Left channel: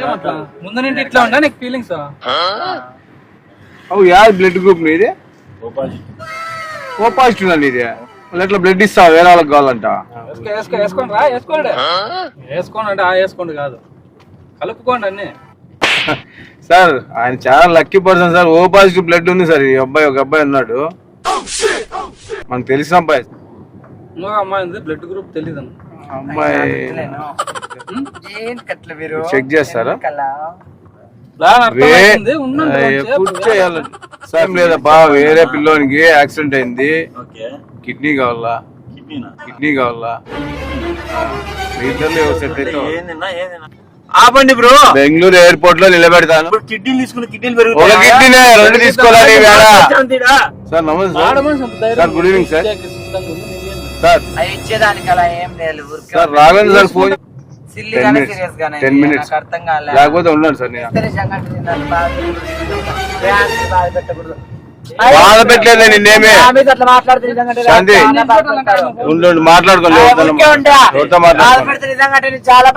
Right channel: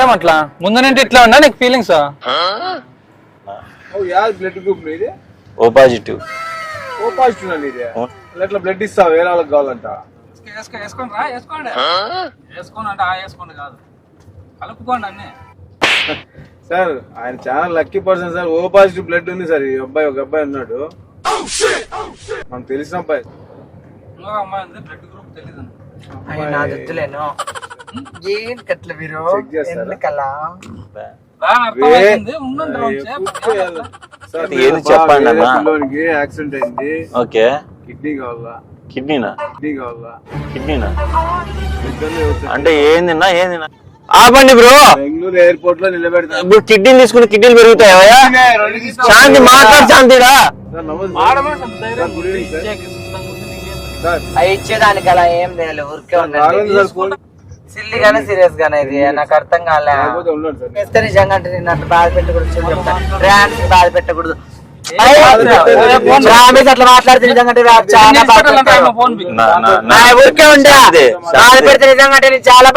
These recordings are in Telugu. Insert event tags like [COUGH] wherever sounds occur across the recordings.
ఏమట్లా? ముందు నుండి ఇట్లా ఉందా నీకు ఫీలింగ్స్ అవు యా బ్లడ్ గ్రూప్ నీది? O positive. ఓ పాజిటివ్ నీది? మళ్ళీ ఎట్లా బ్లడ్ ఇస్తావు? వేరే వాళ్ళకి కావాలంట. వేసుకో వేసుకో వేసుకోండి రా వేసుకోండి. వేసుకోండి అంటే ఆ వేసుకోండి కాదు. కలుపుకోండి అన్ని. సార్ ఆయన చాలా lucky person sir. O positive blood ఉంది సార్. ఈ అబ్బాయి ఒక అబ్బాయి ఉన్నాడు. మనకు తెలిసిన అబ్బాయి. ఇంకొక అమ్మాయి ఉంది బ్లడ్ గ్రూప్ తెలియదు అమ్మాయి. ఏం కట్ల మీరు చెక్ చేస్తారా? వేరే? పిల్లోనికి యాక్సిడెంట్ అయింది. ఓకే. కిడ్నీ కావాలా? కిడ్నీనా? కిడ్నీ కావాలా? కిడ్నీనా? అంటే? ఏందిన్నా ఏందిన్నా ఆపండి బ్రో. బెంగళూరు ఎయిర్పోర్ట్లో నిలబెడతాను. ఇప్పుడు కిడ్నీలు తీసుకుని పెరుగుతాయి? కిడ్నీ సార్ నమస్తే. సార్ గుడ్ ఈవినింగ్ సార్ అవి ఇచ్చేదానికి అలా ఏం లేదు ఊరికే రాగండి సార్ ఫోన్ సిల్లి గానే minutes. సీరియస్ గానే. నాకు అర్థం కాలే. లేకపోతే ఉన్నాను సార్ నేను. నిజంగా అంటే నేను అంత బాధ పెట్టకూడదు బాధ పెట్టకూడదు. అట్లా మాట్లాడితే నిజంగా. చాలా అదే.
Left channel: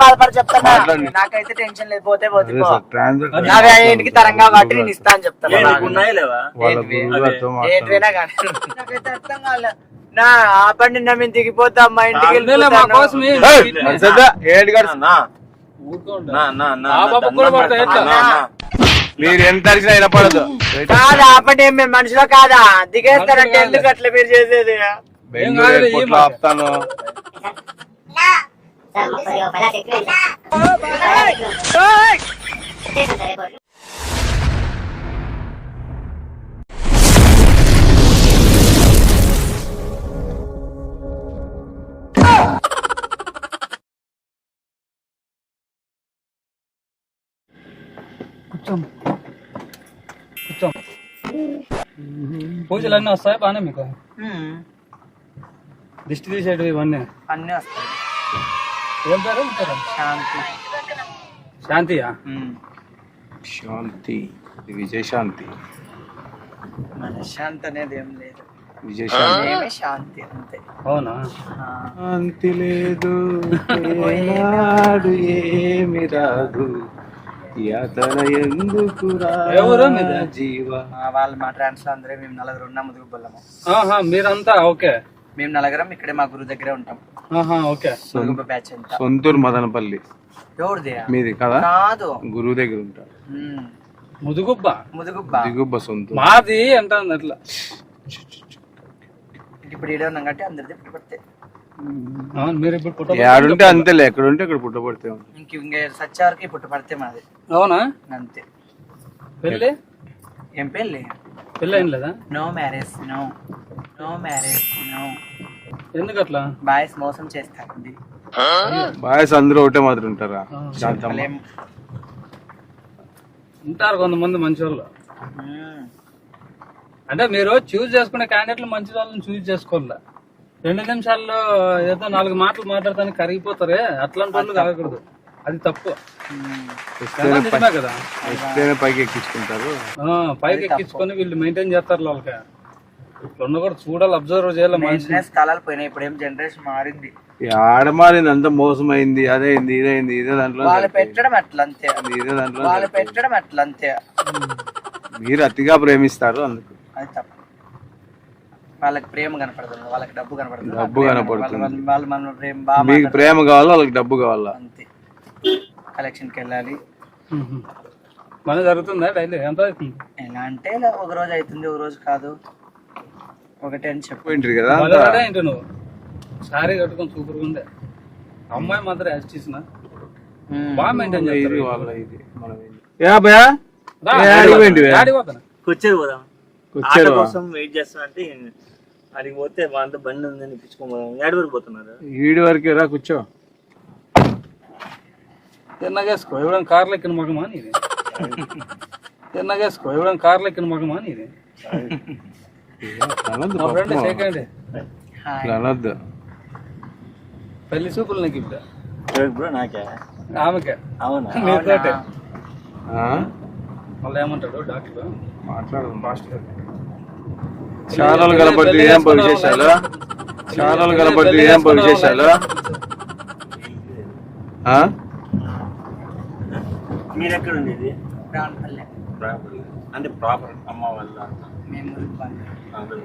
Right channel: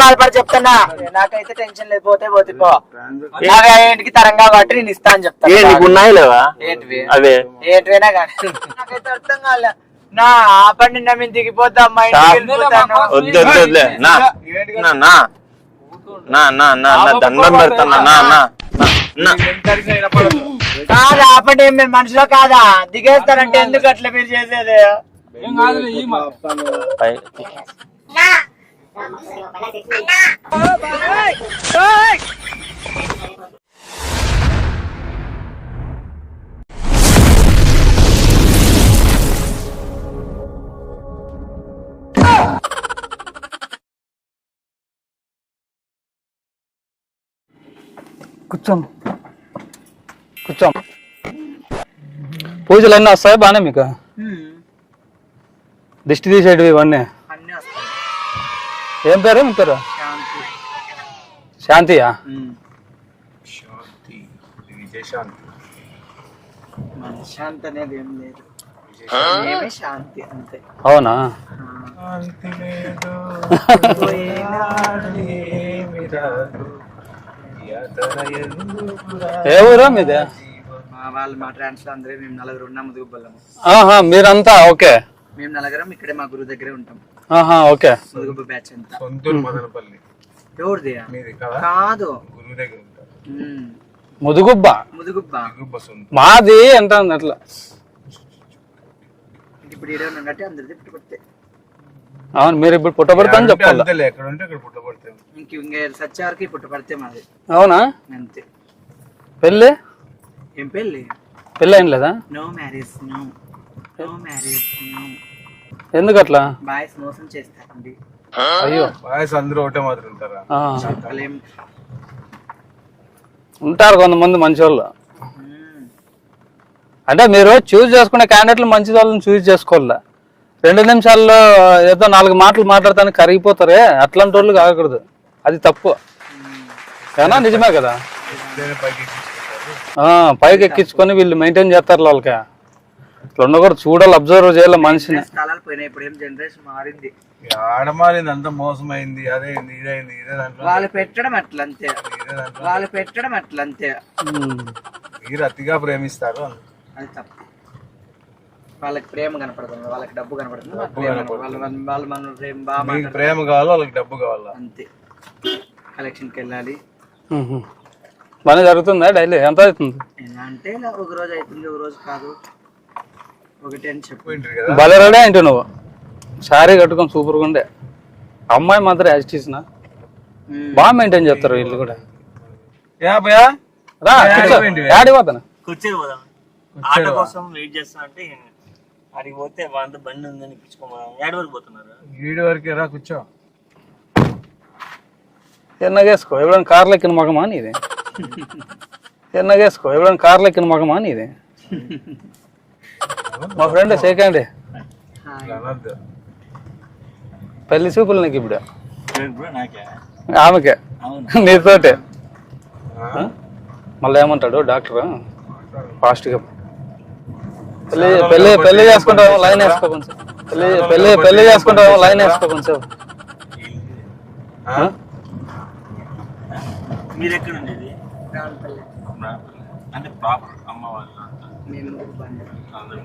బాధపడి చెప్తానా? మాట్లాడండి. నాకైతే టెన్షన్ లేదు పోతే అవి తరంగా కాబట్టి నేను ఇస్తా అని చెప్తాను అర్థం కాలే. నా ఆపండి నా మేము దిగిపోతాం మా ఇంటికి చాలు. వెళ్ళిపోతాను. వద్దు, వద్దులే. నా, నా, నా, నా, నా, నా, దండం పెడతాను, నా, నా. మీరు ఎంత అరిచినా వినపడదు కాదా ఆపండి మేము మనుషులో కాదా? దిగేస్తారంటే ఎందుకు అట్లా మీరు చేసేది? ఆపుతాను కూర్చోం. కూర్చోం. పూజలు అన్నీ వస్తాయి? బాగానే మీకు? దిష్టి తీసేటివి ఇవన్నీ? అన్ని వస్తాయి. ఏం పేరు? మీ పేరు? శాంతి. శాంతియా? శాంతి. విజయశాంతి మన శాంతి అనేది ఏం లేదు. శాంతి. అంతే. అవునా. శాంతి లేదు. [LAUGHS] ఏమి రాదు. మీది? మా వాళ్ళు మా ట్రాన్స్ అందరూ మేము నలుగురు ఉన్నాం ముదుగుబ్బలము ఆహా మీరంతా ఓకే. మేము నలుగురం ఇక్కడే మా గురువు దగ్గరే ఉంటాం. ఆహా ఓకే. ముదుగుబ్బ బ్యాచ్ అంతా. సొంతూరు మదనపల్లి. ఎవరిది? మీది కదా? కాదు. గురువు దగ్గర ఉంటారు ఉమ్. ముదుగుబ్బ? ముదుగుబ్బ. దిగుబ్బ సొంతూరు. మాది ఎంత ఉంది అట్లా ఇప్పుడు ఈడే ఉన్నాం కాబట్టి అందరిది ఇప్పుడు పడితే అవును మీరు ఇప్పుడు పుట్టబడితే అంటే అంతేలే ఎక్కడ ఉంటే అక్కడ పుట్టబడితే ఇంక ఇంక సచ్చే వరకు పడితే మాది. అవునా? అంతే. పెళ్ళి? ఏం పెళ్ళి? పెళ్ళి ఏం లేదా? No marriage no. No marriage no. ఎందుకు అట్లా? బాయ్స్ మోసం చేస్తారండి. బాయ్స్ అందరూ ఒకటే మాత్రం ఉంటారా? ఉంటారు కొంతమంది మంచి వాళ్ళు. అంటే మీరు చూస్ చేసుకునే క్యాండిడేట్లు మంచి వాళ్ళని చూస్ చేసుకోవాలా రెండు నిమిషాల్లో ఏదో నాలుగు మాటలు మాట్లాడతానికి కరిగిపోతారే. అట్లాంటి వాళ్ళు కాకూడదు. అది తప్పు. నిజమే కదా. పైకి ఎక్కించుకుంటారు ఆ, పైకి ఎక్కించుకొని వీళ్ళు మెయింటైన్ చేస్తారు వాళ్ళకి. ఇట్లా ఉండకూడదు చూడాలి అబ్జర్వ్ చేయాలి మనిషిని. కాలాలు పోయినాయి. ఇప్పుడు ఏం జనరేషన్ మారింది. ఈ ఆడమారింది అంతా మోసమైంది అదైంది ఇదైంది ఇదే దాంట్లో వాళ్ళు పెట్టడం అట్లా అంతే ఇదే దాంట్లో వాళ్ళు పెట్టడం అట్లా అంతే. మీరు అతిగా ప్రేమిస్తారు అందుకు. అది తప్పు. వాళ్ళకి ప్రేమ కనపడుతుంది వాళ్ళకి డబ్బు కనపడుతుంది. డబ్బు కనపడుతుంది. వాళ్ళు మన- వాళ్ళు మన ప్రేమ బాగా మీకు ప్రేమ కావాలా వాళ్ళకి డబ్బు కావాలా? అంతే. కలెక్షన్కి వెళ్ళాలి. బాగానే జరుగుతుందా డైలీ? ఎంత అవుతుంది? ఎలా అంటే ఒక రోజు అవుతుంది ఒక రోజు కాదు. ఒకటే అని చెప్పు. పోయింటారు కదా? భలే రెడీ ఏంటి నువ్వు? శారీ కట్టుకొని సూపర్గా ఉండే. అమ్మాయి మాత్రం యాజిటీస్నా ఉమ్. బాగా మెయింటైన్ చేస్తారు వీళ్ళు కూడా. యా భయ్యా రా, ఏ, ఆడికి పోయింటివి? ఆడికి పోతాను. కూర్చొని పోదాం. కోసం వెయిట్ చేస్తా అంటే అడిగి పోతే వాళ్ళతో బండి ఉందని ఇప్పించుకోమోదాం ఏడు వరకు పోతున్నారు? ఈడు వరకే రా కూర్చో. ఎన్నగేసుకో ఎవడైనా కార్లు ఎక్కిన మగమా నీది? ఎన్నగేసుకో ఎవడైనా కార్లు ఎక్కిన మగమా నీది? మా ఫ్రెండ్ సెకండ్ అనొద్దు పెళ్ళి చూపులు నీకు ఇప్పుడు? బ్రో నాకే. ఆమెకే. అవును? నీతోటే. ఆ? మళ్ళీ ఏమంటాడు? డాక్టర్? మాట్లాడు. ఫాస్ట్గా పెళ్ళి పోయి లైన్ పెళ్ళి పెళ్ళి లైన్? మీరు ఎక్కడ ఉండేది రావులపల్లె. రాంపల్లి. అంటే ప్రాపర్ అమ్మ వాళ్ళు మేము అందరూ.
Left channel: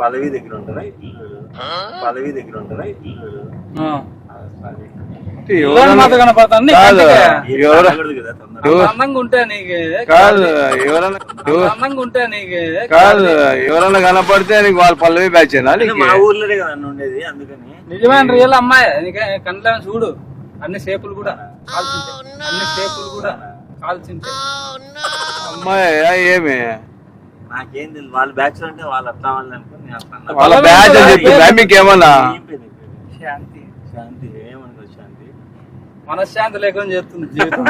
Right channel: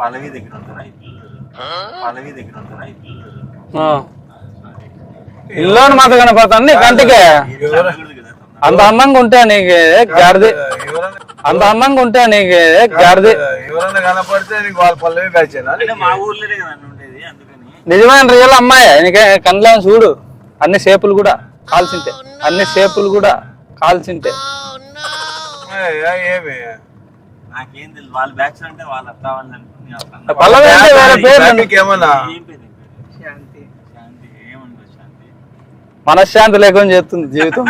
పదవి దగ్గర ఉంటారా? ఇల్లు? పదవి దగ్గర ఉంటారా? కనపడుతుంది కంటికి. అంత అందంగా ఉంటే నీకు కాదు, గాడిది. ఎవరన్నా అంత అందంగా ఉంటే నీకు గాడిది. కనపడితే నీకు వాళ్ళ పల్లవి బ్యాచేనా అంటే మా ఊర్లోనే కదా అన్న ఉండేది అందుకని నిజమైన రియల్ అమ్మాయి నీకే కళ్ళ చూడు అన్ని షేపులు కూడా కాల్చింటే అన్ని షేపులు కూడా కాల్చింటే అమ్మాయి ఏమి నాకేం తెలియదు వాళ్ళ బ్యాచ్ అంటే వాళ్ళు అట్లా. వాళ్ళ బ్యాచ్ బ్యాచ్. మీకు ఏమన్నా పేరు? శాంతి శాంతి మనశ్శాంతి లేకుండా చేస్తుంది జీవితం.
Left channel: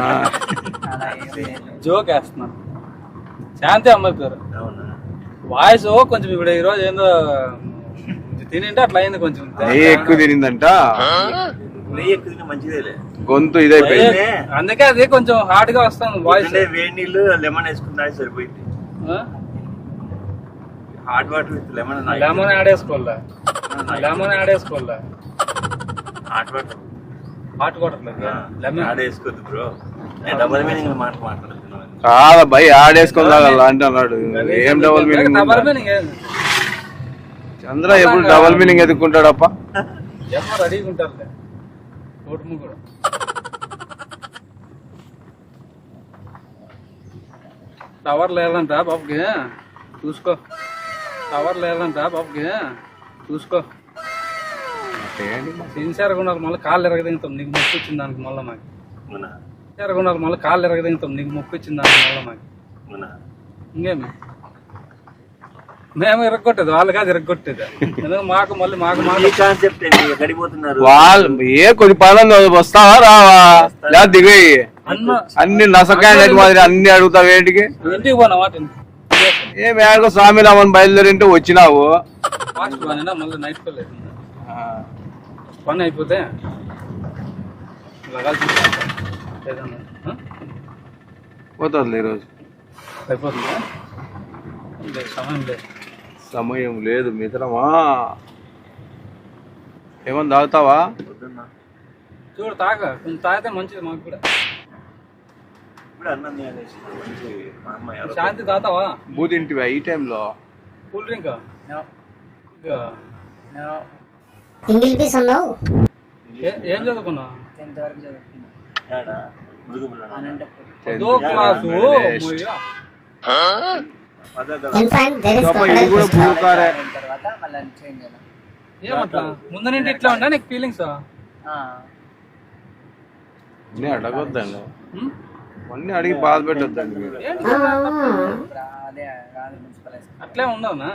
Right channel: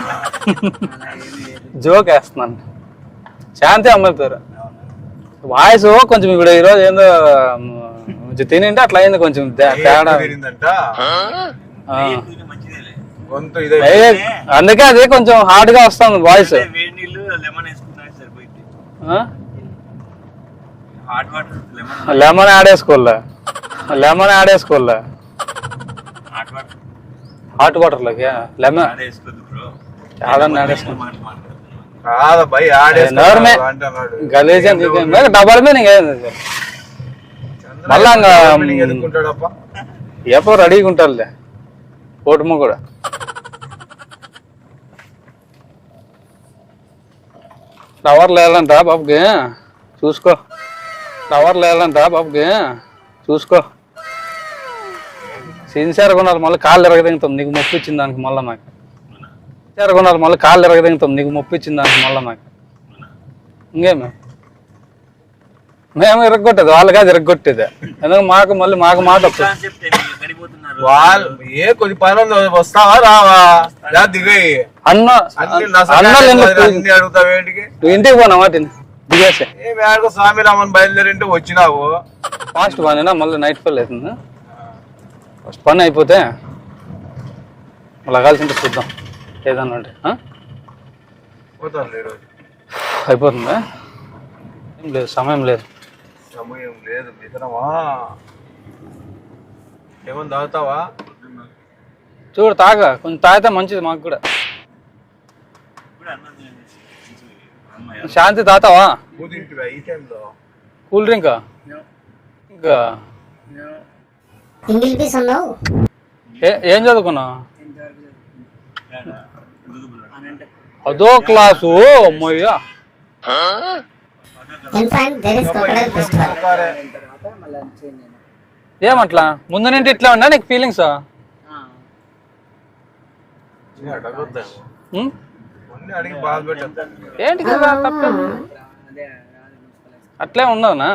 జోక్ వేస్తున్నాను. శాంతి అమ్మాయి పేరు. అవునా? వాయిస్ కొంచెం ఇప్పుడు ఈరోజు ఏందో కొంచెం తినింటే అట్లా అయింది కొంచెం తినిందంట. గొంతు ఇదే అందుకే అది కొంచెం హార్డ్గా వస్తుంది వాయిస్. అంటే వేడి నీళ్ళు లెమన్ సరిపోయింది. Hot water with lemon lemon ఆడేసుకోలే lemon ఆడేసుకోలే హాట్ వాటర్. హాట్ వాటర్లోకి లెమన్ ఆడ వేసుకోద్దు బ్రో కాదు భయ్ ఆడేసుకోవాలి అంటున్నాడు డబుల్ మీనింగ్? చంద్ర ఎప్పుడు ఇంకా- డబుల్ మీనింగ్ ఎదుర్కొంటాడప్ప ఎప్పుడు రెడీగా ఉంటారులే ఓటము కూడా. ఫ్లవర్ లేదంట బాబుకి. చూసుకో. ఫ్లవర్ లేదంట బాబుకి. చూసుకో. సిన్సియర్గా ఉన్నారు మళ్ళీ కాళ్ళు ఎరగదింగుతాం. నీకు మొప్పు ఇచ్చింది దానికి మళ్ళీ నాకు. అవునా? సిన్సియర్గా ఉన్నారు మళ్ళీ కాళ్ళు ఎరగదింగుతాం. నీకు మొప్పు ఇచ్చింది దానికి మళ్ళీ నాకు. ఇంకేమి? మేము ఇరగొట్టేది వాళ్ళు కాదు ఇరగొట్టేది ఎందుకంటే మాకు మళ్ళీ మాకు మాట వాళ్ళు ఏ కొన్ని పనులు వస్తావా రావా? లేదా దిగయి అన్న అన్ని అన్ని అడుగుతావు ఏంటికి? నువ్వు ఇంటికి పోనా వాటిని దిగేసి. ఏ మేడకు స్వామి రామని బయలుదేరింటే వచ్చినావు. ఫాస్ట్ పనినా మళ్ళీ నైట్ పని అవుతుంది. ఫస్ట్ పని అయిపోతే మళ్ళీ కలిసి చూద్దాం. ఏదన్నా ఆ? పోతుంది ఈరోజు అయిపోతుందా? లేదు సమయం లేదు. సమయం లేదు మిత్రమా? ఏమన్నా తాగుతావా? చూడు తాగా. కొంచెం తాగితే మంచిది మాకు కూడా. శాంతి తాతావా? బూతింటివా ఈ టైంలో? Cool drink? ఇంకా? నో ఇంగిల్ పీస్ అన్నావు? ఏ- చదువుకున్నావు? అనంతపూర్ అదో క్లాసు ఏమట్లా? ముందు నుండి ఇట్లా ఉన్నా నీకు ఫీలింగ్స్ అట్లే ఉన్నావునా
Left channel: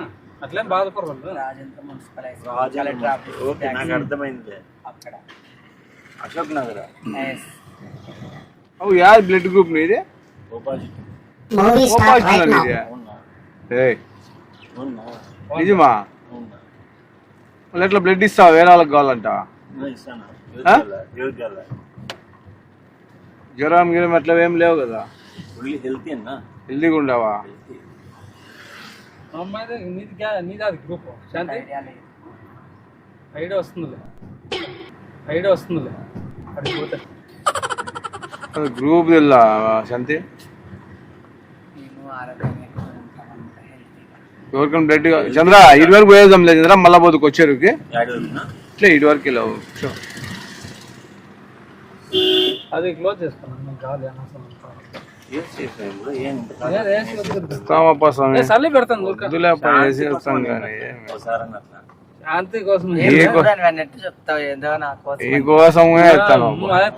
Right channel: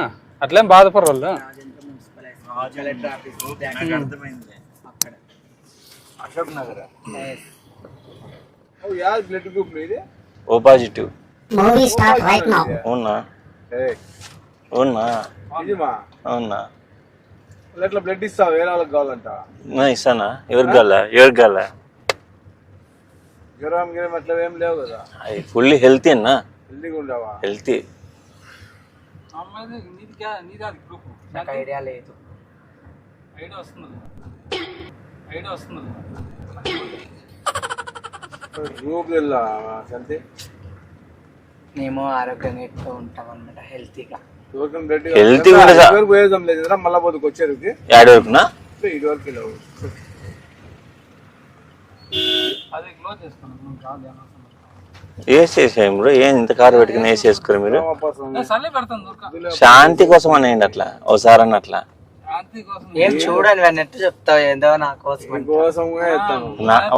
అట్లేం బాధపడరు వాళ్ళు Rajendra municipal high school Raju collector office okay నాకు అర్థమైంది. అక్కడ. అశోక్ నగర్? ఎస్ అవు యా బ్లడ్ గ్రూప్ నీది? O positive movie start right now అవునా? ఏయ్, అవునా? నిజమా? అవునా? మళ్ళీ ఎట్లా బ్లడ్ ఇస్తావు? వేరే వాళ్ళకి కావాలంట? ఇస్తానా? ఎవరికి కావాలా? ఎవరికి కావాలా? జ్వరం గిరం అట్లా ఏం లేవు కదా. అవి ఫుల్లీ హెల్తీ అన్నా హెల్దీగా ఉండవా? హెల్తీ అమ్మాయిది నీది నీది అది గ్రూప్ శాంతి? ఐడియా లేదు. ఐడియా వస్తుందిలే. ఐడియా వస్తుందిలే. అది. గ్రూప్ తెల్లా శాంతి? మేము ఆరోగ్యంగా ఎక్కువ ఉంటాం అన్నమాట హెల్తీగా. ఎవరికైనా బ్లడ్ పోయేదాం లేదు మళ్ళా పోతుకు వచ్చేరుకి. యాడ్ వరకునా ఇట్లా ఇటు వరకు చూ. అది క్లోజ్ చేసుకున్నాం నాకు కాదు అనవసరం వేసేసాం బ్రో ఏం ఇంత కారు పెట్టుకుని వేసేసుకోరు మీరు. శాంతి కోసం అనేయండి అట్లా ఓసారి అన్న అట్లా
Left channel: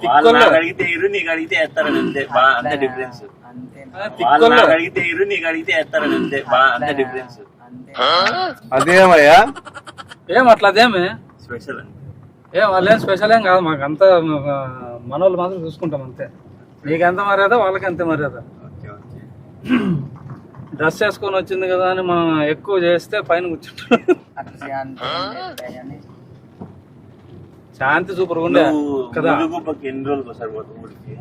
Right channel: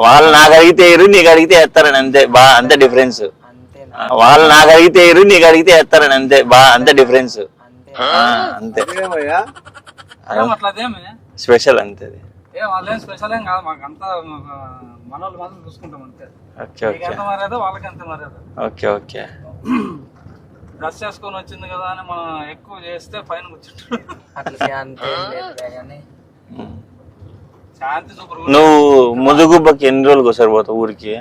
వాళ్ళు నాకు అడిగితే నీకు అడిగితే వేస్తారని అంతే బా అంతే డిఫరెన్స్. వాళ్ళు నాకు అడిగితే నీకు అడిగితే వేస్తారని అంతే బా అంతే డిఫరెన్స్. అదేమయ్యా? అదేమే? స్పెషల్ అంతే స్పెషల్ ఏం కాదు మాకు అంతా మనోళ్ళు మాత్రం చూసుకుంటాం అంతే. ఓకే నీకు ఎంత మర్యాద? వాళ్ళకి అంతే మర్యాద? Okay okay. డ్రెస్ వేసుకొని వచ్చింది కదా అని మనం ఎక్కువ చేస్తే పైన కూర్చుంటాం శాంతి సూపర్ నువ్వు ముదుగుబ్బకి ఎన్ని రోజులకు ఒకసారి పోతావు ఊరికి?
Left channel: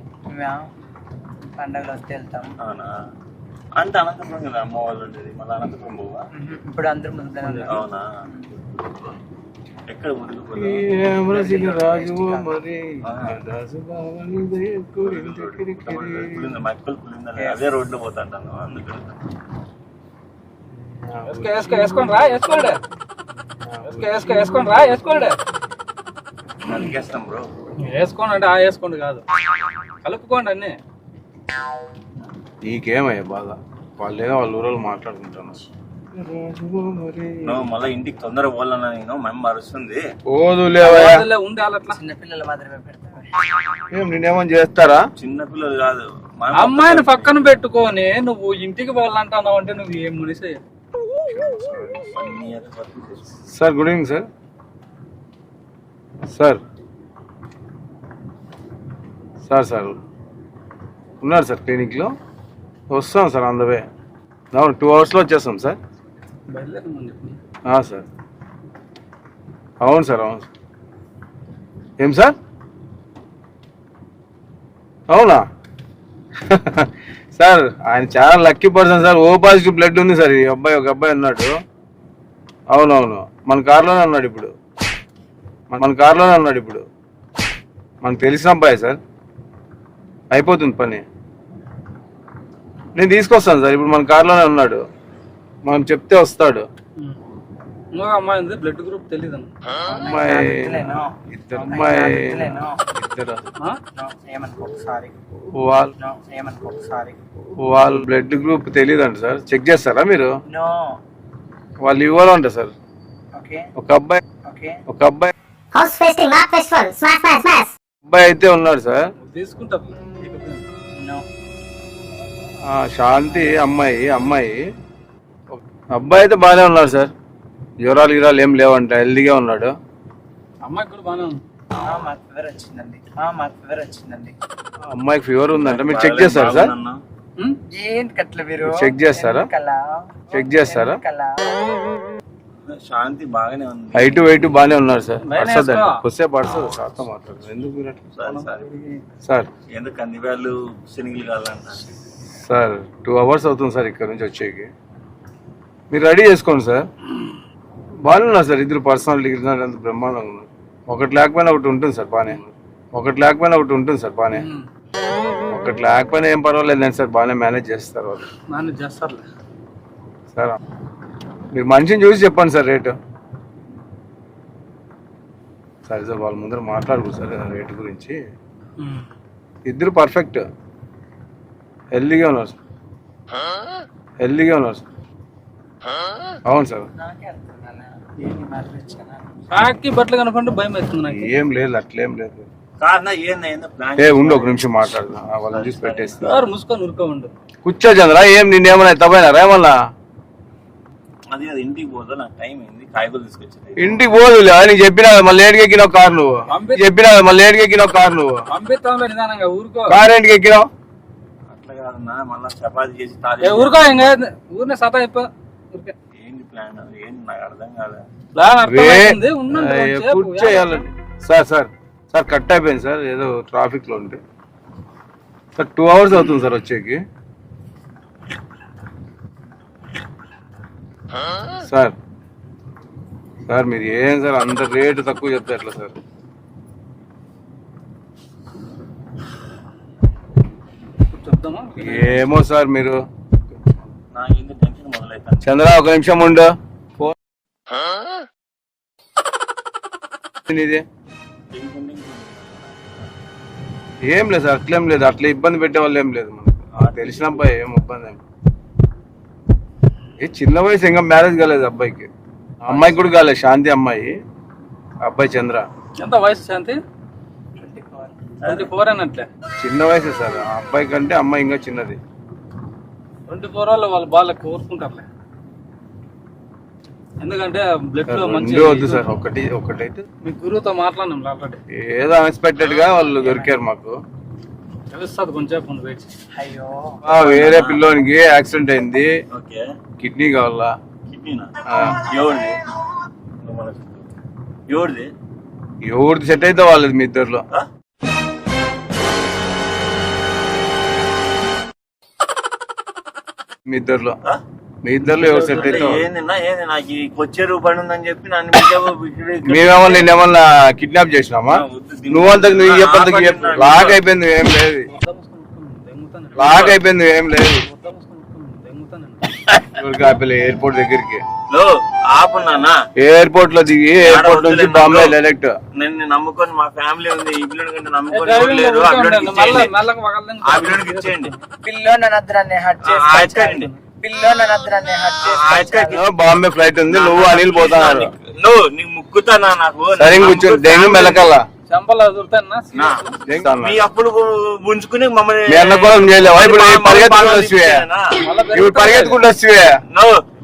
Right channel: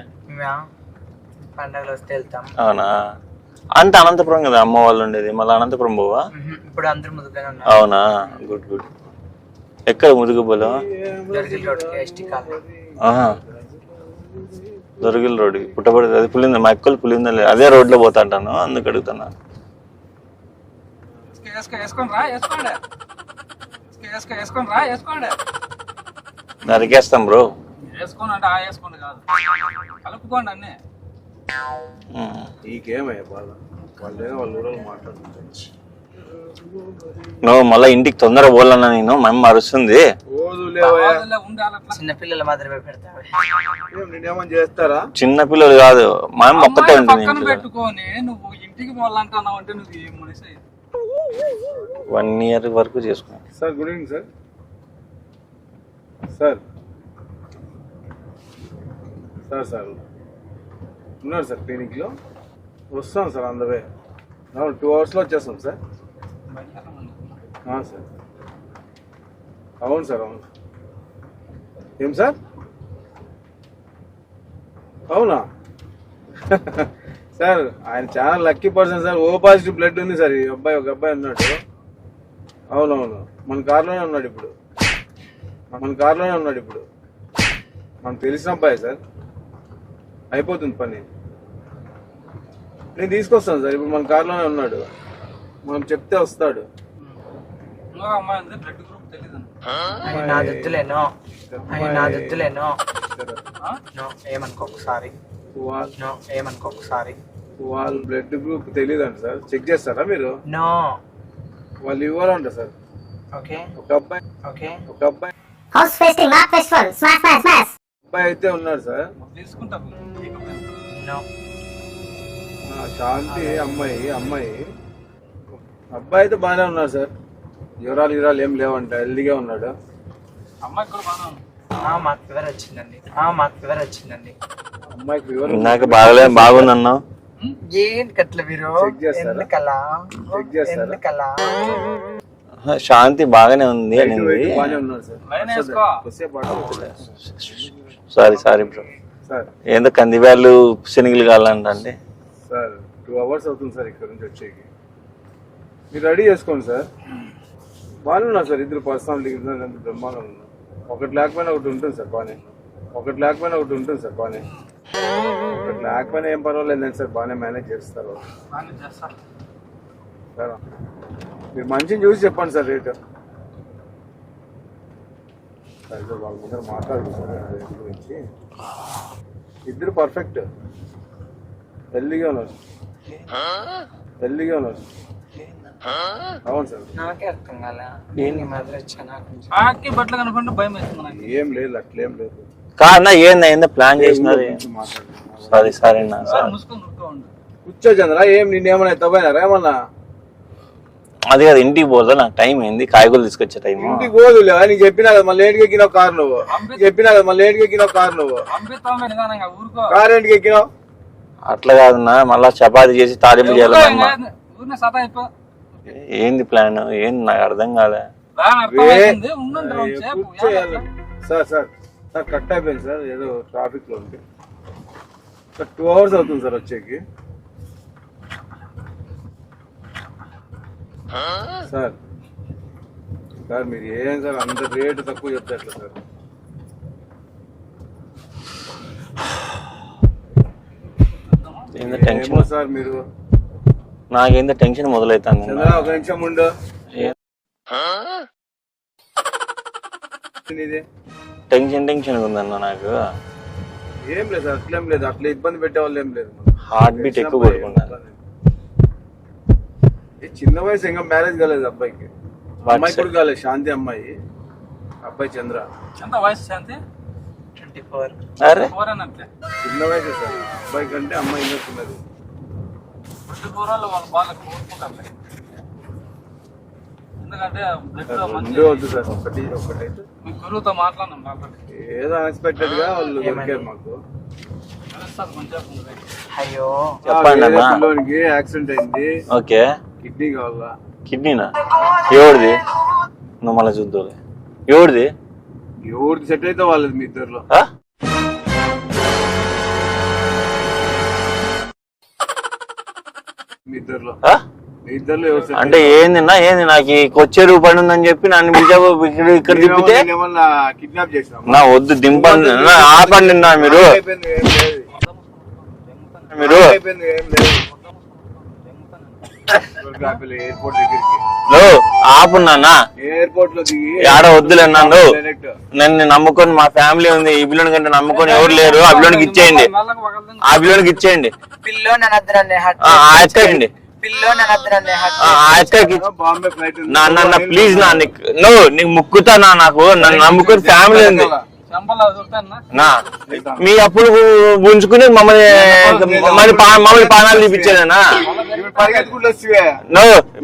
పండగలు వస్తే వెళ్తాం. అవునా? అంత అనంతపురం కదా అమ్మ వాళ్ళు ఉండేది. మళ్ళీ అనంతపురం పోవా. ఇప్పుడు అందరూ అవునా? Good good. ఎక్కడ మురుగు పొలం దొరికిల రోడ్ పుట్టబడి అది పులింద మా ఎక్కలు పులింద అదే రోడ్లో పోతా అంటాను. అందుకు అడుగుతాను నరికేస్తాం బ్రో. వేసుకోండి అంటే ఆ వేసుకోండి కాదు. కలుపుకోండి అన్ని. నీకేమయ్యా బాధ? వాళ్ళు ఏదో వాళ్ళ ఊరోళ్ళు మాట్లాడుకుంటాను నువ్వు మళ్ళీ ఇంటికి తొందరగా పోవాలన్నా నేను మా అమ్మ అరుస్తుంది. ఓదులేవయ్యా అదిలే ఉంది అట్లా చిన్న పిల్లలు మాత్రమే నేనేమని చేస్తారా? చిన్న పిల్లలు కాదు మా అమ్మ ఒక్కతే అమ్మాయిని ఉంటుంది పక్కన. పెట్టుకొని నువ్వు ఇంటికి పోవాలంటున్నావు అంటే నువ్వు ఏం మనిషి? వన్ ఇయర్ వరకు చేసుకో. Sir good evening sir. Sir. Sir sir. ఉన్నారు సార్ క్లినిక్లో వస్తాం sir on the way two అవర్స్లో వచ్చేస్తాం సార్. సార్. అవును సార్ అవును సార్. ఏం సార్? అవునా? సార్ ఆయన చాలా lucky person sir. O positive blood ఉంది సార్. ఈ అబ్బాయి ఒక అబ్బాయి ఉన్నాడు. అవునవును మన కార్లోనే ఉన్నాడు ఇప్పుడు. మన కార్లోనే ఉన్నాడు ఇప్పుడు. మనకు తెలిసిన అబ్బాయి సార్. అయిపోతుంది పని. నేను తీసుకొస్తాను సార్. ఇప్పుడు మన కార్లోనే ఉన్నాడు. మనం చెప్తే వస్తాడు. ఇంకొక అమ్మాయి ఉంది బ్లడ్ గ్రూప్ తెలియదు అమ్మాయి ఇద్దరు అమ్మాయి వద్దులేను ఇద్దరు. ఏమనుకో ఒకసారి. వాళ్ళ బ్లడ్ గ్రూప్ తెలియదంట సార్. చెక్ చేస్తారా మీరు? నో. వాళ్ళు ఇవ్వాలంట సార్. ఓకే. ఒక అబ్బాయి ఓకే. ఒక అబ్బాయి. అబ్బాయి అయితే ఉన్నాడు సార్. తీసుకుంటా. నో. ఆ, శాంతి అమ్మాయి అమ్మాయి. అబ్బాయి అయితే బాగానే ఉన్నాడు సార్. జ్వరాలు గిరాలు ఏం లేవంట హెల్దీగా ఉన్నాడు. అమ్మాయి కూడా బాగానే ఉంది. ఆ మాకు ఫీవర్ వచ్చిందండి. ఆ మాకు ఫీవర్ వచ్చిందండి. అమ్మాయికి ఫీవర్ నాకు బాగలేదు బాగుందన్నావు ఉం? ఏంటి కట్ల మీరు చెక్ చేస్తారా? చెక్ చేస్తారా? శాంతి బాగానే ఉంది. హైట్ వెయిట్ బాగానే ఉన్నారు సార్. Sorry sorry sir. ఏందో కందిబ్యాలు శనగలు కావాలంటే సార్ టూ అవర్స్ అవుతుంది సార్ ఇక్కడ నుంచి వచ్చేకి. మీరు రెడీ చేసుకోండి సార్. బాగానే ఉన్నారు సార్ ఇద్దరు పర్సనాలిటీ అంత బ్రహ్మాండంగా ఉన్నారు. ఒకటి లేకపోయినా ఒకటి ఉంటుంది సార్ బాగానే. ఒకటి లేకపోయినా ఒకటి ఉంటుంది సార్ బాగానే. ఒకటి లేకపోయినా ఏం పర్వాలేదు సార్ బాగానే మేనేజ్ చేస్తారు సార్ మీరు మనిషిని చూసి చెప్పండి సార్ రేటు. సరే సార్ వాళ్ళ ముందర మాట్లాడుకో సార్ రేటు గురించి. ఇద్దరు పర్ఫెక్ట్ హెల్దీగా ఉన్నారు సార్. హెల్దీగా ఉన్నారు సార్. అవును సార్. నాకే అర్థం కాలే. నేను ఈ మాత్రం వచ్చా నాకు. కాకి బట్టలు కనపడి భయం వేస్తుంది నాకు. ఏం లేదు అట్లేం లేదు. కాదన్నా ఏందా ఏందో ప్లాన్ ఏ ఉండు ఒక నిమిషం మాట్లాడదా సరే సరే నా. సార్ మూసుకొని ఉరుకో ఉండు. కూర్చో చంద్ర ఏం నిన్నేమన్నా తప్పైనా ఏమన్నా అది కాదు ఇంటికి పోదా నాకు టైం అయింది కాయగూరలు తీసుకొచ్చే టైం ఇంటికి పోదులే నీకు చెప్పినా కదా, మళ్ళీ ఏడికి ఎక్కినావు కారు నువ్వు చెప్పినా కదా, మళ్ళీ ఏడికి ఎక్కినావు కారు నువ్వు పంపిస్తాంలే నిదానంగా ఊరుకో. కారు ఏంటికి ఎక్కినావు? అట్లా కాదన్నా మళ్ళా చపాతి చేసి తాలింపు ఊరుకో చేయాలి ఇంకా ఊరినే సతా అయిపో ఏంది ప్లాన్ ఏంది నాకు అర్థం కాలే. కొంచెంసేపు. కూర్చోయాలండి సార్ సార్ సార్ కట్ అయిపోయింది సార్. ఏదో ట్రాఫిక్లో ఉంటే. సార్ టూ అవర్స్ అవుతుంది సార్ వచ్చేకి. సార్ సార్ మీరు ఏం సార్ అంత రేటు తక్కువ చెప్తే ఎట్లా సార్? ఏమో సార్ మీరు నాకేందో టెన్షన్ మొదలవుతుంది చంద్ర ఒక నిమిషం ఉండు. ఇది? టెన్షన్ టెన్షన్ ఉందన్న నాకు. ఏం లేదు సార్ అట్లేం లేదు. అట్లా ఇబ్బంది పెట్టే వాళ్ళు ఏం లేదు. హార్ట్ బీట్ ఎక్కువ ఏం ఇబ్బంది ఏం. ఏ చిన్న వయసు ఇంకా మ్యారేజ్ కాలేదు అబ్బాయికి. అమ్మాయికి కూడా కాలేదు శాంతి అమ్మాయి. అబ్బాయి చంద్ర. ఎంత వయసు శాంతి? ట్వంటీ ఫోర్ అరే. ఫోర్ అన్నట్లే. చిన్న వయసు సార్. అబ్బాయి కంటే అమ్మాయి ఇంకా చిన్నది. ట్వంటీ ఫోర్ వాళ్ళు వాళ్ళు బాగా కోరుకుంటారులే ఎందుకంటే బ్లడ్లో మంచి రెండు వద్దు సార్ ఒకటి ఒకటైతే. మీ గురువుతో మాట్లాడినాం ఆల్రెడీ ఏదో అన్ఎక్స్పెక్టెడ్గా వాళ్ళు దొరికారు మాకు. తెలుస్తుంది కొంచెం ఉంది వెయిట్ అయ్యో. ఆ, వేరే పిల్లోనికి యాక్సిడెంట్ అయింది. ఓకే. కిడ్నీ కావాలా? కిడ్నీనా? ఎవరిది? నువ్వు మళ్ళీ చూద్దాం ఎవరిది? ఎవరిది సెట్ అయితే వాళ్ళది మీ ఇద్దరులో. మీ ఇద్దరులో. మీ అంటే ఏంది ఏంది నాకు ఈ కొచ్చేరు పని ఉందని చెప్పి నన్ను మీదేమన్నా కిడ్నాప్ చేసినామా? వద్దు దింపండి. అయిపోయింది ఏం లేదు. అయిపోయింది ఏం లేదు. కాపీలే ఎయిర్పోర్ట్ దగ్గరికి. ఆపున్నానా ఎయిర్పోర్ట్లో దిగి ఆడ వద్దులేన్నాను నన్ను. నమ్ముకొని మా ఫ్యామిలీ ఉంది ఈ బిల్లుని కంటే నమ్ముకొని ఎవరు లేరు. ఆ బిల్లునికి ఇచ్చేయండి. ఆ బిల్లునికి ఇచ్చేయండి. బాంబే ఫ్లైట్ ఉంది నువ్వు నీకు ముక్కుతా నాకు. మీ అప్పులు ఉంచుకుని మమ్మల్ని పరిగెత్తుకుంటూ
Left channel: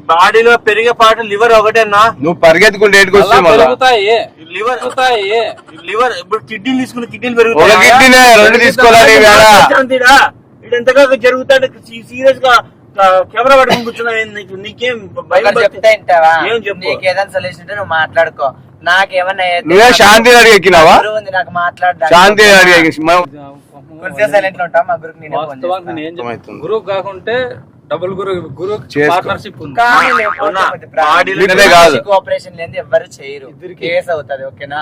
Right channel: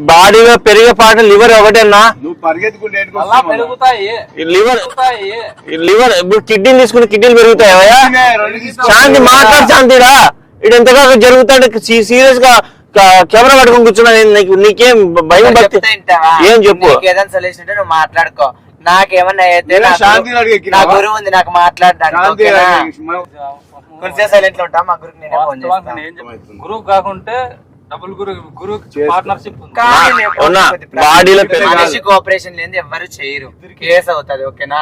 బాడీలో పెరిగే పాట లివర్ ఒకటేనా? నువ్వు పరిగెత్తుకుంటే లివర్ లివర్ ఇప్పుడు తీసుకుని కిడ్నీలు పెరుగుతాయి? ఇది ఎంతగా జరుగుతాడు? సీరియస్గా కెమెరా పట్టుకుని కూర్చున్నా నీకేం భయం ఏం చెప్పు? ఏదైనా సొల్యూషన్ మాట్లాడుకో. నాకేమన్నా శాంతి అడిగి ఉంది నాకు శాంతి అడిగి కాకుంటే డబుల్ గురువు గురువు పార్ట్నర్షిప్ ఉంది. ఆపరేషన్ ఎవరు చేయరు. కేసు అవుతుంది ఓకేనా?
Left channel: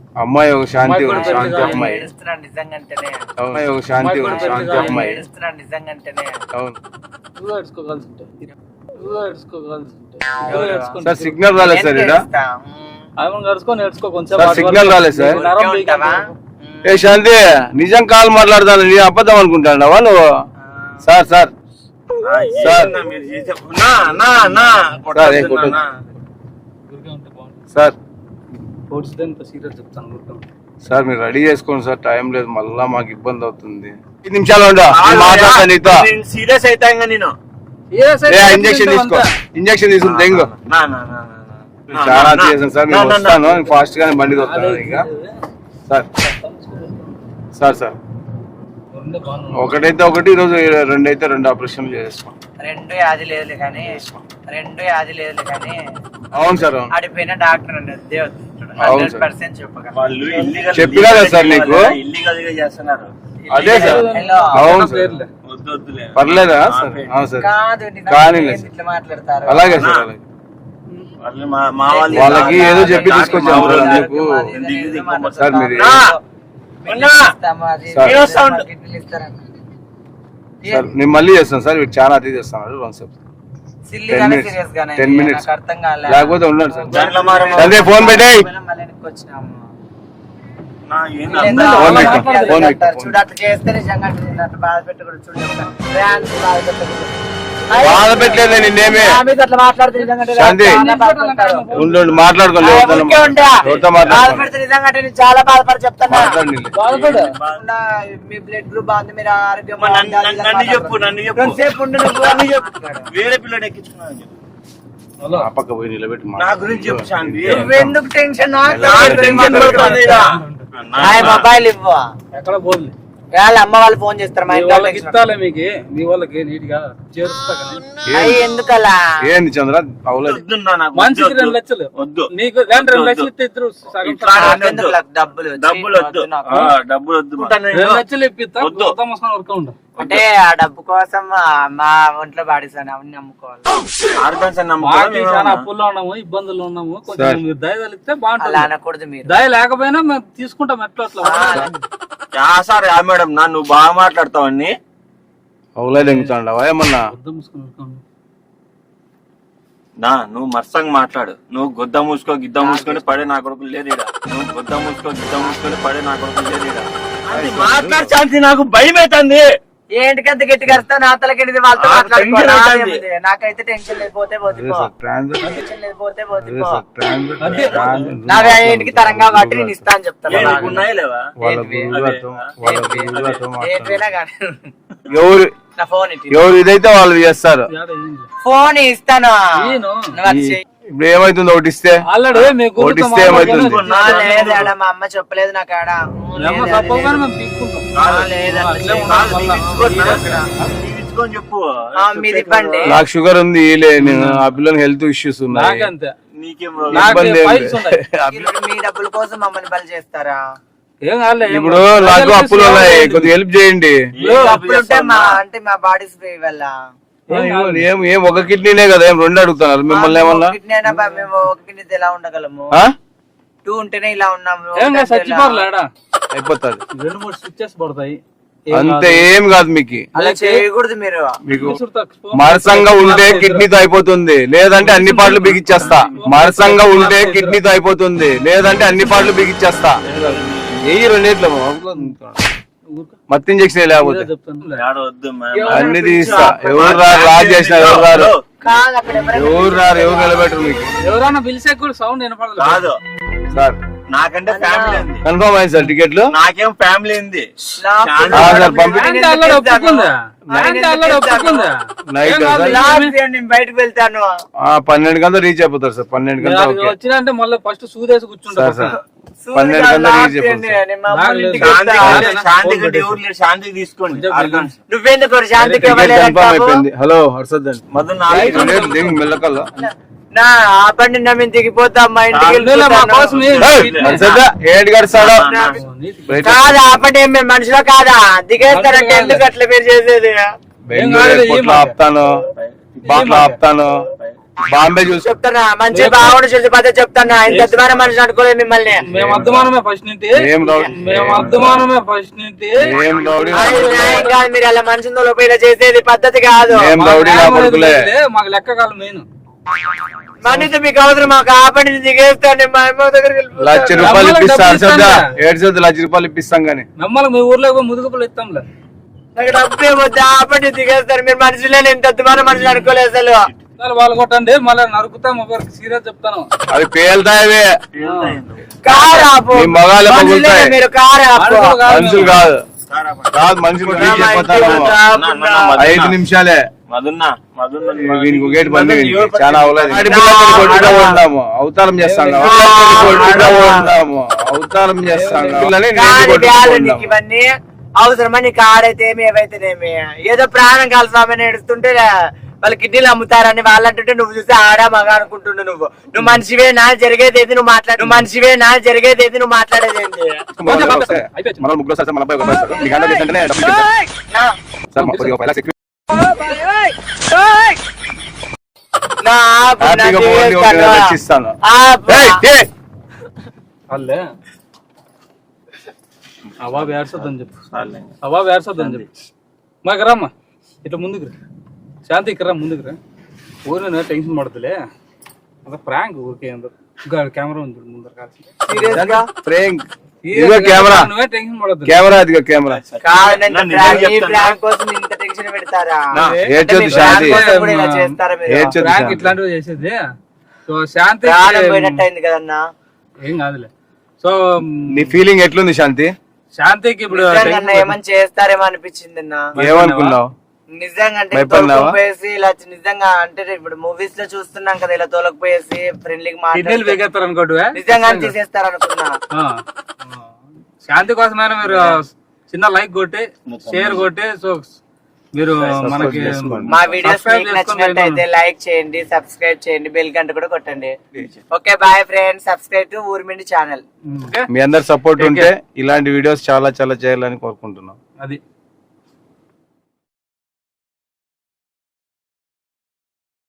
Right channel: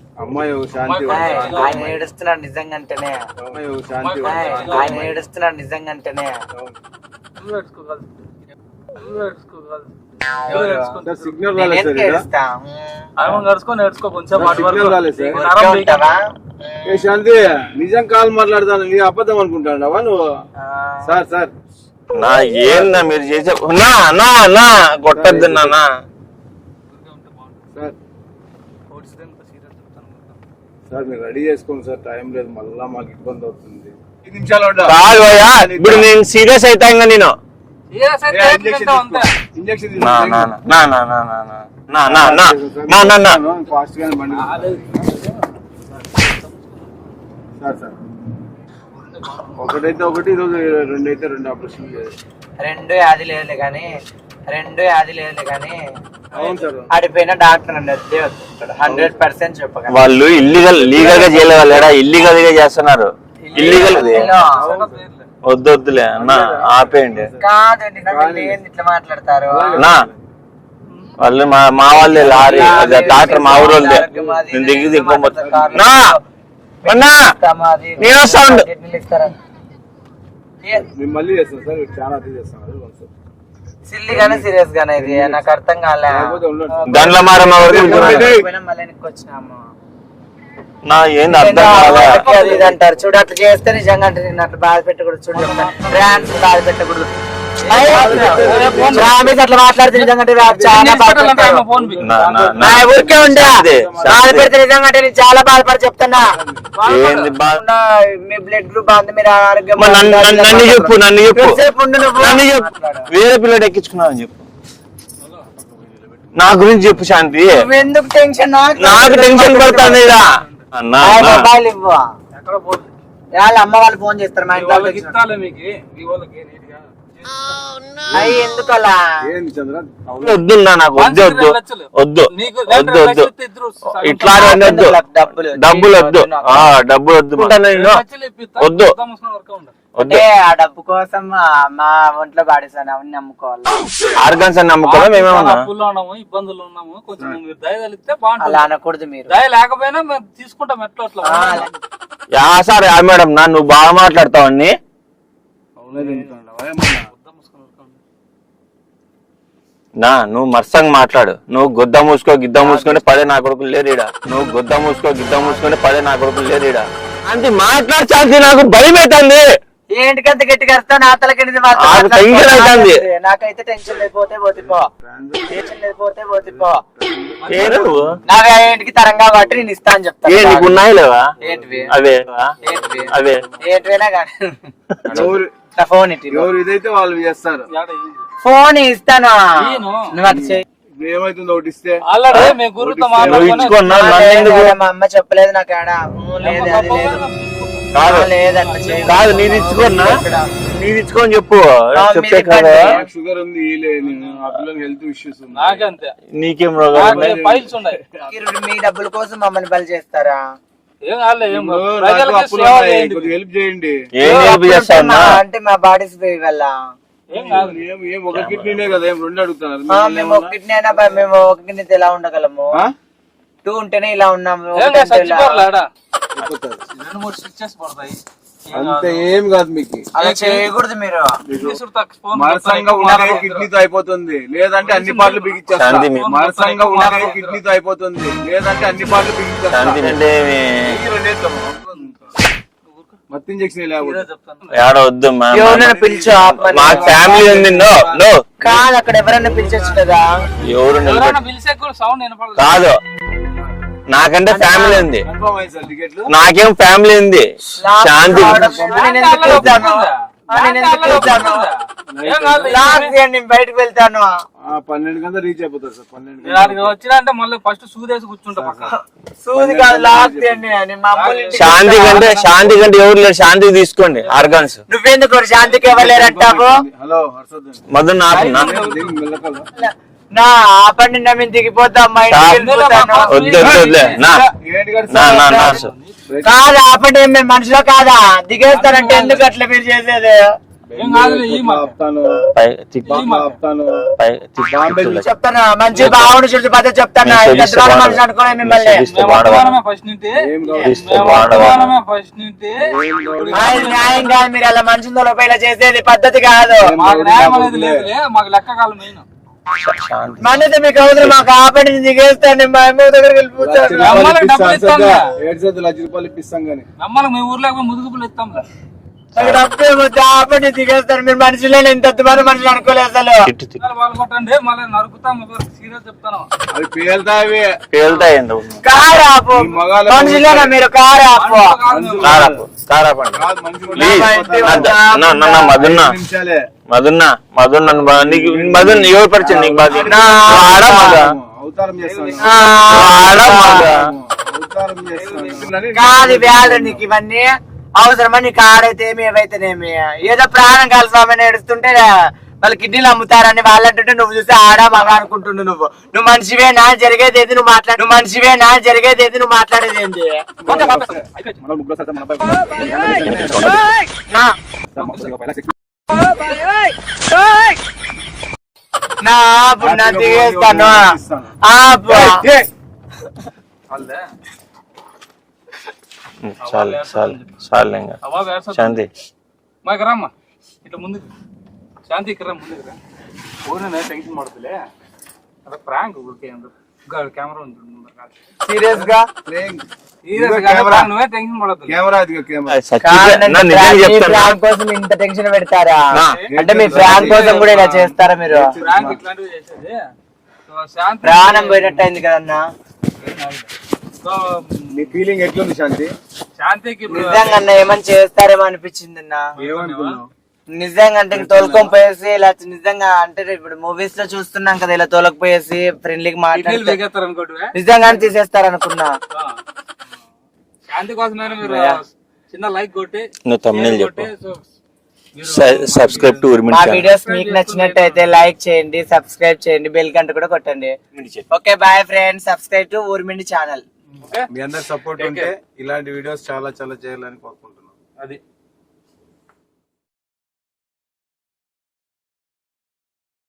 అమ్మాయి ఒక శాంతి అమ్మాయి అవును. సిగ్నల్ రాలేదు సార్ సిగ్నల్ రాలేదు సార్. ఏ శాంతి నిజం కాల్ మాట్లాడతాను నేను అబద్ధం అనుకుంటాడావా నువ్వు? Sir sir. నా ఏందా మీరు చేసే నా నా నా సార్ సార్ మీరు రెడీ చేసుకోండి సార్ టైం లేదు మళ్ళా మాకు ఇబ్బంది అవుతుంది. నిమిషాలు నేను సీరియస్ నేను. తీసుకో. సార్, ఫాస్ట్ గానే బండి సార్. Sir sir. ఒకటైతే ఒకటి ఈరోజు రెండైతే రెండు ఆపరేషన్లు చేస్తాం రెండు అది లేదు కానీ రెండు అది లేదు కానీ అవును సార్ ఆడిపోయిన డాక్టర్ అండి హండ్రెడ్ పర్సెంట్ వాళ్ళు ఇల్లీగల్ లీగల్గా చేయగలరా ఇల్లీగల్గా చేస్తున్నారు. వద్దు వద్దులే. వాళ్ళు మా వాళ్ళు మా ఊరు దిగి మళ్ళీ చేస్తాను సార్. చాలా అతి చేస్తాను సిల్లీ గానే minutes. సీరియస్ గానే ఇది. minutes. నాకు అర్థం కాలే. లేకపోతే ఉన్నాడు సార్. గండ్ల మారమ్మ అదే ఫోన్ పెట్టేయ్. పోయినా మళ్ళీ వెనక్కి వచ్చినాము? నా ఏంది అర్థం కావాలి అంటారు. చూడు అట్లా చేస్తే నిజంగా అంటే నేను అట్లా బాధ పెట్టకూడదు. చూడు ఫ్రాన్స్ బాధ పెట్టకూడదు. చాలా చెప్తున్నా. మీ మీరు ఆరోగ్యం వేరే పిల్లడు ఎక్కించుకున్నా అని చెప్పు నా గురించి చెప్పు శాంతి. ఎందుకు టెన్షన్ నాకు టెన్షన్ పడుతుంది అన్న మొబైల్ ఎక్కడ అమ్మ వాళ్ళు ఫోన్ చేస్తారు వాళ్ళకి ఎందుకలా? వద్దు నాకు డబ్బులు వద్దు. డబ్బులు వద్దు వద్దు. అంటే ఆ డబ్బు కోసం మా ఒంట్లో పాడేసాను అవన్నీ నమ్ముకోవాలి. అని నమ్ముకోవాలి మేము అప్పుల్లో ఉన్నాము ఇబ్బందులు ఉన్నాము. కొంచెం దయ తలిస్తే బాగుంటుంది. అనకూడదు మీరు. దయ లేకపోయినా మేము తీసుకుంటాం ఎట్లా అట్లా సార్ యా మేడం నా నువ్వు బాగా మాట్లాడతావు అన్ని ఏమన్నా. నా నువ్వు మర్సంగా మాట్లాడు. నువ్వు గుద్ద మూసుకో గిద్ద మూసుకొని పదే నా కొడుకులు లేరు ఈడ. నువ్వు గుద్ద మూసుకో గిద్ద మూసుకొని పదే నా కొడుకులు లేరు ఈడ. అంటే మాట్లాడు శాంతి నాకు భయం అవుతుంది ఏంటికంత గట్టిగా వస్తాను ఆ తలకెళ్ళి నాకైతే టెన్షన్ లేకపోతే పోతుందో టెన్షన్ నాకు ఏంటికి తరంగా కాబట్టి నేను ఇస్తా అని చెప్తాను. అదే ఎవరు? ఫోన్ ఎవరు ఇదైతే వాళ్ళు చేస్తారు. ఫోన్ ఇస్తాను? ఇప్పుడు ఏమైతుంది ఒకటి ఇస్తే. మా అమ్మ చెప్పలేదు నాకు కాదు. నేను ఇచ్చుకోనా నేను ఇచ్చుకొని చెప్పు. చెప్తే కదా. నాకు షుగర్ ఉంది లే నేను ఆ పిల్లలకి హెల్త్ ఇష్యూస్ ఉన్నాయి. నీకేం రోగం ఇబ్బంది [LAUGHS] మీ డబ్బుల కోసం మమ్మల్ని బలి చేస్తారా? ఏం కాదులే, ఏం ఇప్పుడు. నాకు అప్పులు ఉన్నాయి. కొద్దిగా హెల్ప్ చేయండి? అంటే మా బాడీస్ వల్ల ఏం. ఏం ఒక కిడ్నీనే కదా ఏం రెండు అడుగుతున్నారు? మిమ్మల్ని ఏమన్నా? ఒకటినే మేము ఒక కిడ్నీతో ఎలా ఉండగలము? టూ ఉంటేనే ఇలా ఉన్నాము అయిపోతుంది రెండు మూడు స్విచ్చెస్ పడతాయి ఏం అంతే ఏం కాదు మీకు అలా చేయకూడదు మీరు మీకు విసురు తక్కువ. మరసంగా ఉంటే కిడ్నీతో అయిపోతుంది లేదంటే అన్ని పాటలు బిగించేస్తా మరసంగా ఉంటే కిడ్నీతో అయిపోతుంది లేదంటే అన్ని పాటలు రెండేట్ల మత్తు ఇంజక్షన్ లేకపోతే ఏడ వద్దు. కాదు నాకంటే ఫ్యామిలీ ఉంది. కన్ఫర్మ్ అయింది సార్ టికెట్లు నాకేం ఫ్యామిలీ ఉంది. శాంతి బయటకు వెళ్తాను. ఆ, పన్నెండు గంటలు రీచ్ అయిపోతారు సార్ పన్నెండు గంటలు. వచ్చినంటే మళ్ళీ ఫస్ట్ సూదేసి కూర్చుంటా సార్ సార్. సూది పన్నెండు కాదు, గంటలకు లాస్ట్ రీచ్ ఇయర్ అయిపోతారు సార్. నేను మా అమ్మోళ్ళ ఇంటికి శాంతి. కంటే శాంతి కంటే ఎవరు లేరు? శాంతి తీసుకోండి ఆర్గాన్స్. నువ్వెందుకు శాంతికి టికెట్. హలో హర్షద్ అండి. మధు మెల్లకల్లా? నా ఆపండి నా మేము దిగిపోతాం మా ఇంటికి కాదు, ఆపండి మేము మనుషులో కాదా? దిగేస్తారంటే ఎందుకు అట్లా మీరు చేసేది? చెప్తానా మంచి బాగుండి చూసి చెప్తానా ఇంత ద్వారా మనిషి అనుకోలేదు మిమ్మల్ని. న్యాయం కాదు మీరు అలా తొలగిపోయినా చేసేది పద్ధతి కాదు. మాకు లెక్క మెయిన్. మనీతో మీకు అవసరం మాకు ఆపండి దిగేస్తాను మా అమ్మ దగ్గరికి లక్ష రూపాయలు ఇప్పిస్తాను సద్దా. ఏడు సద్దు లక్ష రూపాయలు ఇప్పిస్తాం గానీ. మిమ్మల్ని మీ ఊర్లో ముదుగుపులు ఇస్తాంలే. డబ్బు ఏమొద్దు ఆపండి దిగేస్తారు మీరు మనుషులే ఇంత అద్భుతమైన మనుషులు అనుకోలేదు అసలు. వాళ్ళు కొట్టండి మళ్ళీ నరుకుతాం ఒకరికి సీరియస్ చెప్తాను. పేలుతాయవే. పేలుతాయి? కారు ఆపు. మీరు? కారు ఆపు. నిమిషాలే. మధున్న, ఎవరు పరిచయం. అవతారం చేస్తాను అవతారం ఏవైతేనేమి ఏదో ప్రాణం కలసామని ఏడుస్తుంటే వాళ్ళ కిడ్నీలు అమ్ముతారని వాళ్ళంటుంటే నువ్వు చూస్తే ఆడా మగ అనుకుంటుండు నువ్వు. నువ్వు మనిషివేనా జరిగేది ఏది? నువ్వు మాట్లాడు నువ్వు మనిషివేనా జరిగేది ఏది? నువ్వు మాట్లాడేది ఏంటి చాలు, చాలు, మాకు రమ్మా. ఇట్లా ముందుకు రా శాంతి ఇక్కడ రా ముందుకు రా ఊరిన టెన్షన్ పడుతులే అదే ప్రాంక్ ఊరికే అందరు కెమెరా. సీరియస్గా ఇదిగో నువ్వే టెన్షన్ పడద్దు కెమెరా ఇదిగో కెమెరా కాదంటే నా నిజం ప్రాంక్- ఈ చెప్తాను. ప్రాంక్ కోసం ఇంత టెన్షన్ పెడతారా నా, అంటే మీ ఏడ్చొద్దు ప్రాంక్ శాంతి. కోసం కూడా ఇలా చేస్తారా మీరు? ప్రాంక్. ఇట్లాంటివి చేసేది సో శాంతి ప్రాణం పోయినట్టు అయింది కదన్నా ఏం కాదులే సో నీ ఫీలింగ్ ఎట్లుంది శాంతి శాంతికి ఇప్పుడు నిజంగా అన్న ఏమని చేస్తారేమో అనిపించింది అన్న ఏమనుకున్నావు నిజంగా అంటే? తోలకపోయేసి ఇలా నిజంగా అంటే ఇప్పుడు మూవీస్లో చూస్తున్నాం కదా ఇలా తోలకపోయేసి ఫ్రెండ్లీకి కిడ్నీలు మాట్లాడి వేగేస్తారు అనుకోటివే నిజంగా తీసేస్తారు అనుకున్నా. ఆ. శాంతి కోసమైనా మీరు చిన్న లైక్ కొట్టి షేర్ చెప్పు. కొట్టి సో మీరు సబ్స్క్రైబ్ టు ఉర్మిన్ మా ఛానల్. వీడియోస్ మీకు నచ్చినట్టయితే లైక్ చేయండి సబ్స్క్రైబ్ చేయండి బెల్ గంట కూడా కొట్టండి. Okay bye friends subscribe to ఊర్మిండి channel మీ అందరి సపోర్ట్ ఉంటే ఇలాంటి వీడియోస్ చాలా చాలా చేయాలని కోరుకుంటున్నాం. అది.